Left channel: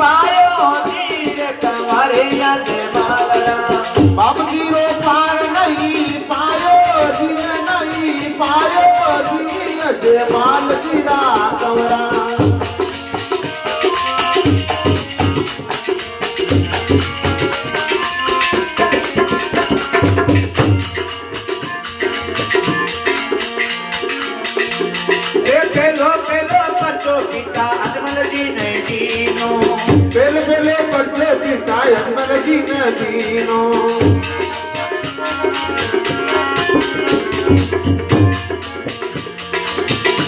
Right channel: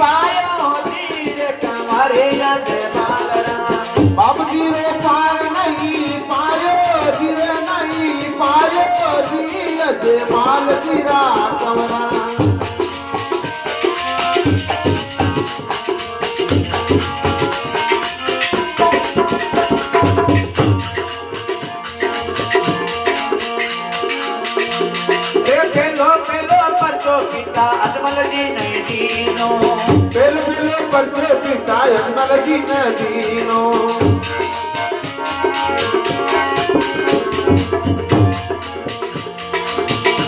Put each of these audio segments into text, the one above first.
પાયો ધીર કવારે જજે બાલરા બાપજી રો પાર નહીં પાયો ધીર નહીં પાયો ધીર જજે બાલજી રા કવરા પેલે પેલે પડતે પિતાય અજમલજી ને પીનો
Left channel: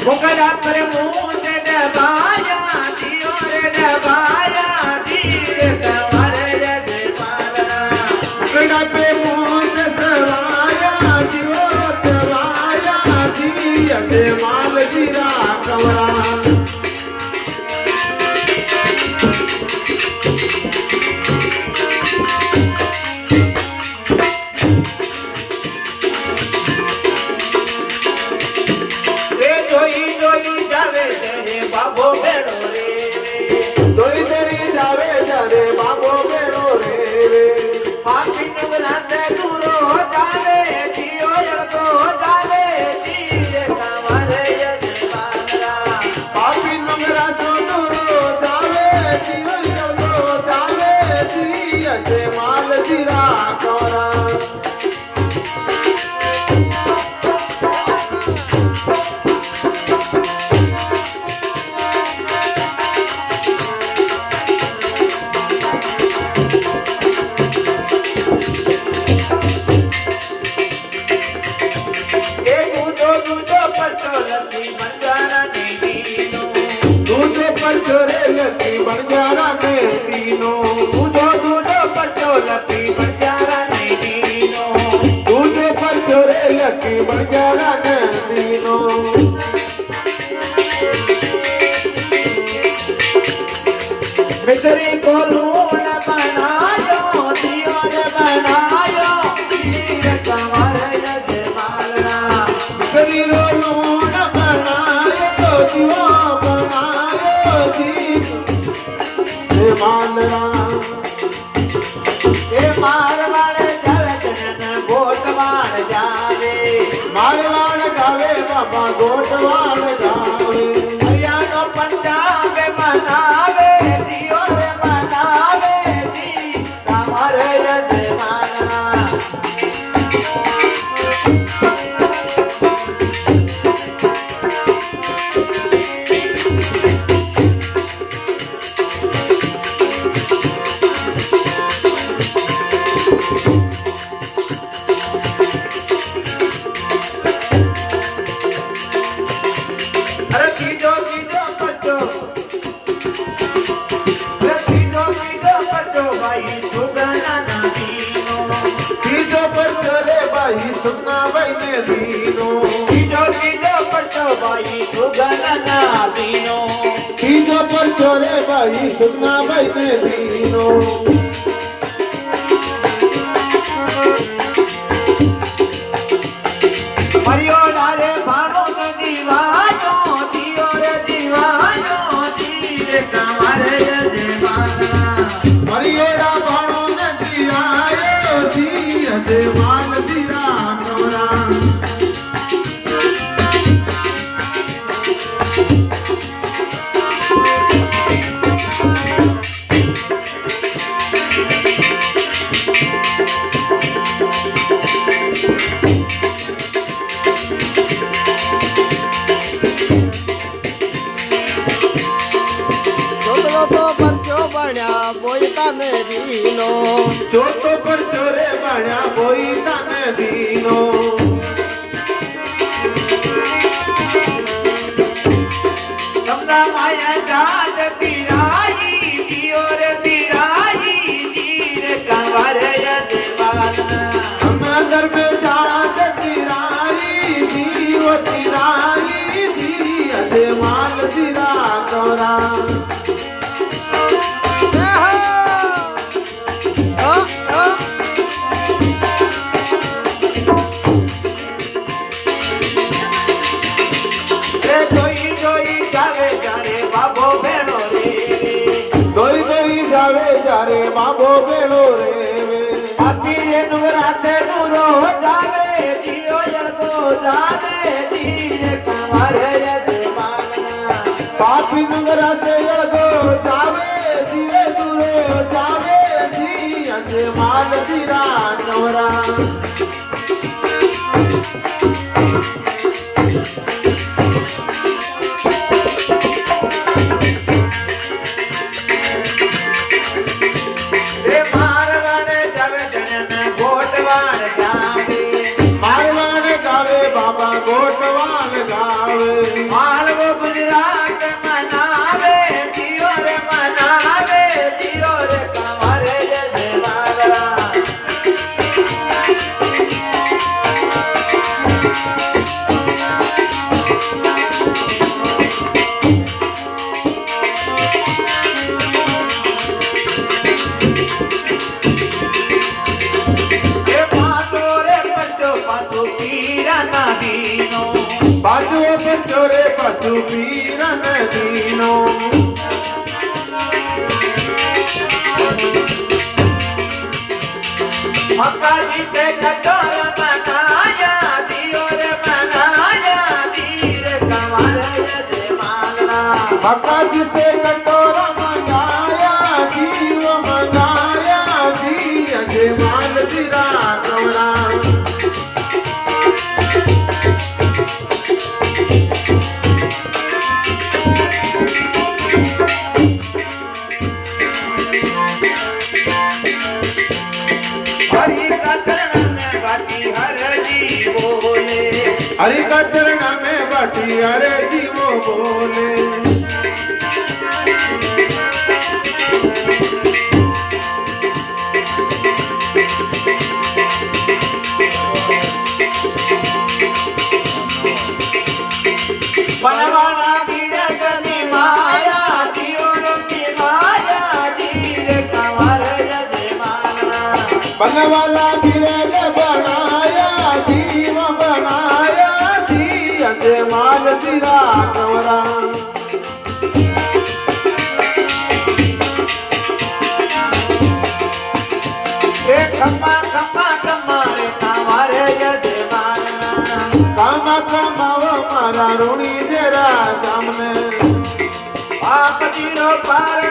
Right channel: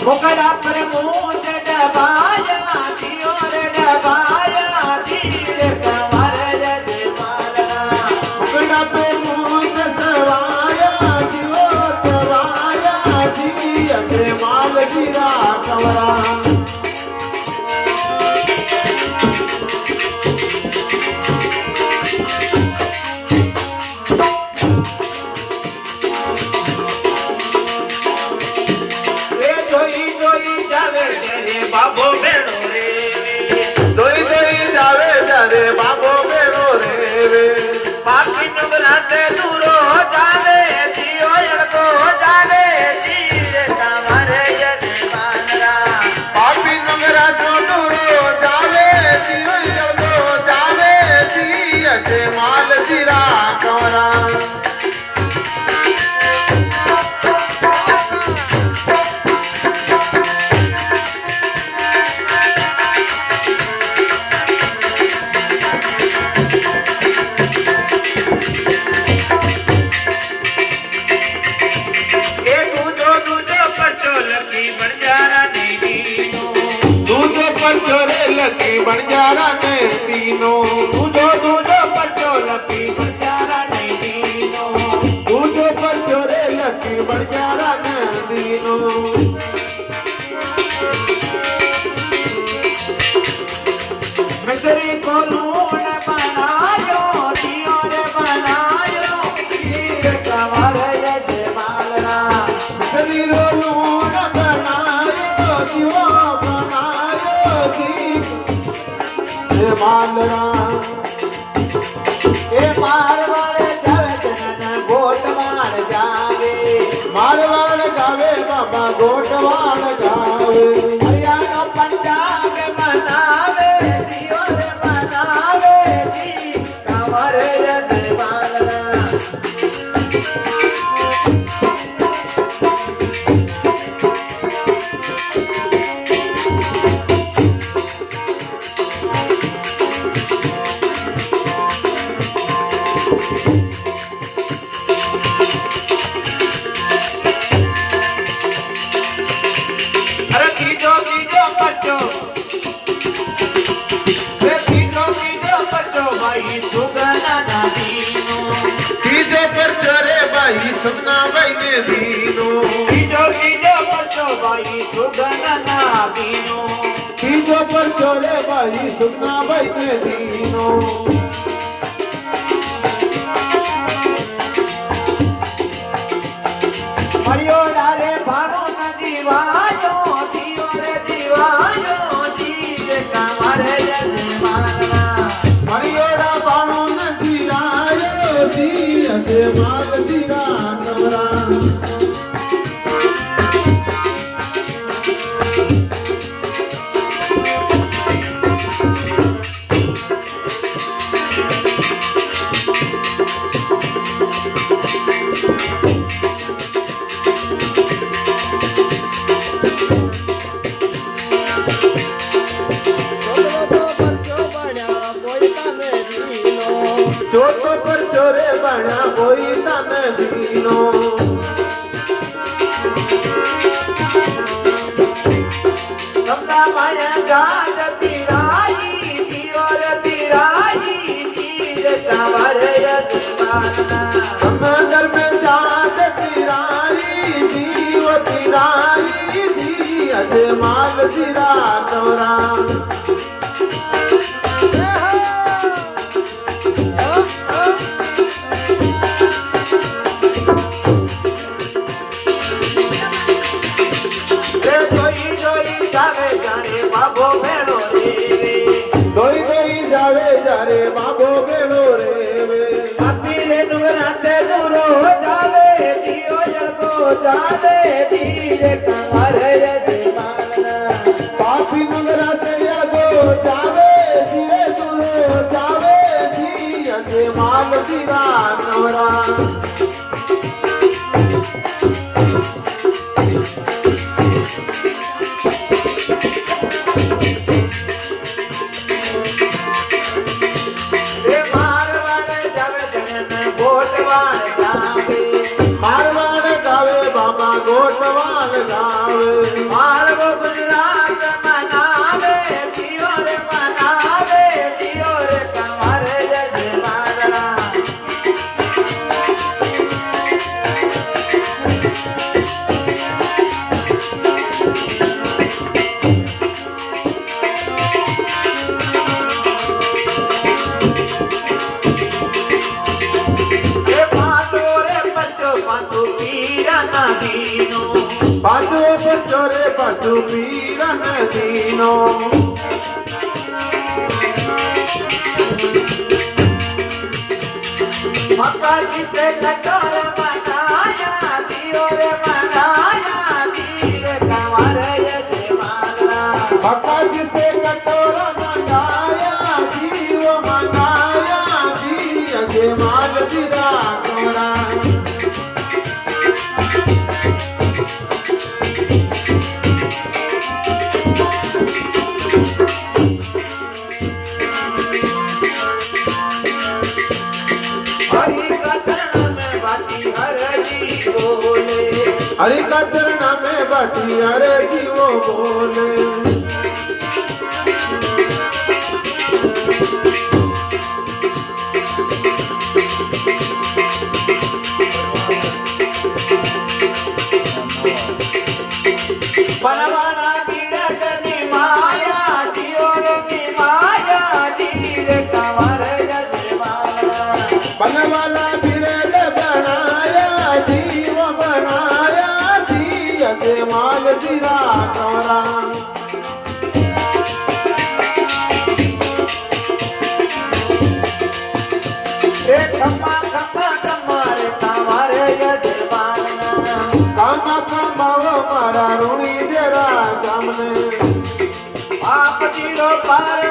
મોકડા પર મૂંછ ડબાયા દિયો રે ડબાયા ધીર કવારે જજે બાલરા મોકડા પે મૂંછ દવાયા જીવો દવાયા જી અજે માલજી રા કવરા બાબો બેનો રે દોઈ દોઈ જાવે જારે બાબો બેનો રે પાપી નગરાતે દૂરો જાવે જીઓ અડકો જાવે જીરે કવારે જજે બાલરા પાપી નગરા દૂરો જાવે જીઓ જાવે જી અજે માલજી રા કવરા लकी बन जाना ने तीनों दूधो दूधो पटो लपी बंजारा नहीं दीनो दूधे पर छोरे लकी बन जाना ने तीनों मिसरी को लूण बनायो दियो रे बनायो धीर कवारे जजे बालरा शरीरो लूण बनायो जीवो बनायो जी मालरा ए मारवाड़े जावे जनन गोटवाड़ जावे मारवाड़ जावे बाबा गोटवाड़ जावे हरियाणो पंजाबे मनावे दियो रे बनावे जी कवारे जजे बालरा अरे कीजो कीजो बच्चो ये कीजो बच्चो भाई सुगना ना दीनो कीजे पर छोरे भाई सुगना भाई ने दीनो कीजो बच्चो भाई सुगना ना दीनो कीजे पर छोरे भाई सुगना भाई ने दीनो मरियो डारे भानो का दीवानो जियो रे दीवानो जी कवारे जजे बालरा मरियोड़ा बाणो नदी आयो जी अदे माल दीरा नवरा ચોથો પર ચોરે બણા કોઈ તને દીનો તમને માયા ગાજ પીરાઈ જીઓ રે પીરાઈ જીર કવારે જજે બાલરા સમદર મે જાત તિરાઈ જીવ તિરાઈ જી અદે માલ દીરા નવરા જોઈ બાબો બેડો રેવે આપી રે નુરાતે દૂરો જાવે દિયો જળતો જાવે ધીરે કમર યજમાનના પાપી નગરાતે યગો જાવે ધીરે દૂરો જાવે જી અજે માલ ધીરા નવરા રે મારવાડ જાવે જણન ગોટવાડ જાવે મારવાડ જાવે બાબા ગોઠવાલ જાવે માલવો ગુજરાત મનાવે દિયો રે મનાવે દિયો રે કમર યજમાનના રે પાતો રે પચો પાતો પીરાના દીનો બાજુ બચો રે બાજુ પીરન દીનો મકાજી તે કટોર મનાયા દિયો રે મનાયા ધીર કમર યજમાનના ભક્તિ તે કટોર મનાયા જીવ મનાયા જી અજે માલ ધીરા નવરા हरि कथन में बाटी हर जी बोले हरि कतरना में बटी अरे जीवो बोले बनवाना बीड़ा कने माया दियो रे माया धीर कमर यजमानना बनवाला बिरद बनाया जीव बनाया जी अजय माल धीरा नवरा ए खम्मा खम्मा कमारे कमर यजमानना कामा कामाव मारा ऋणी जरा सामने आप जीरो पार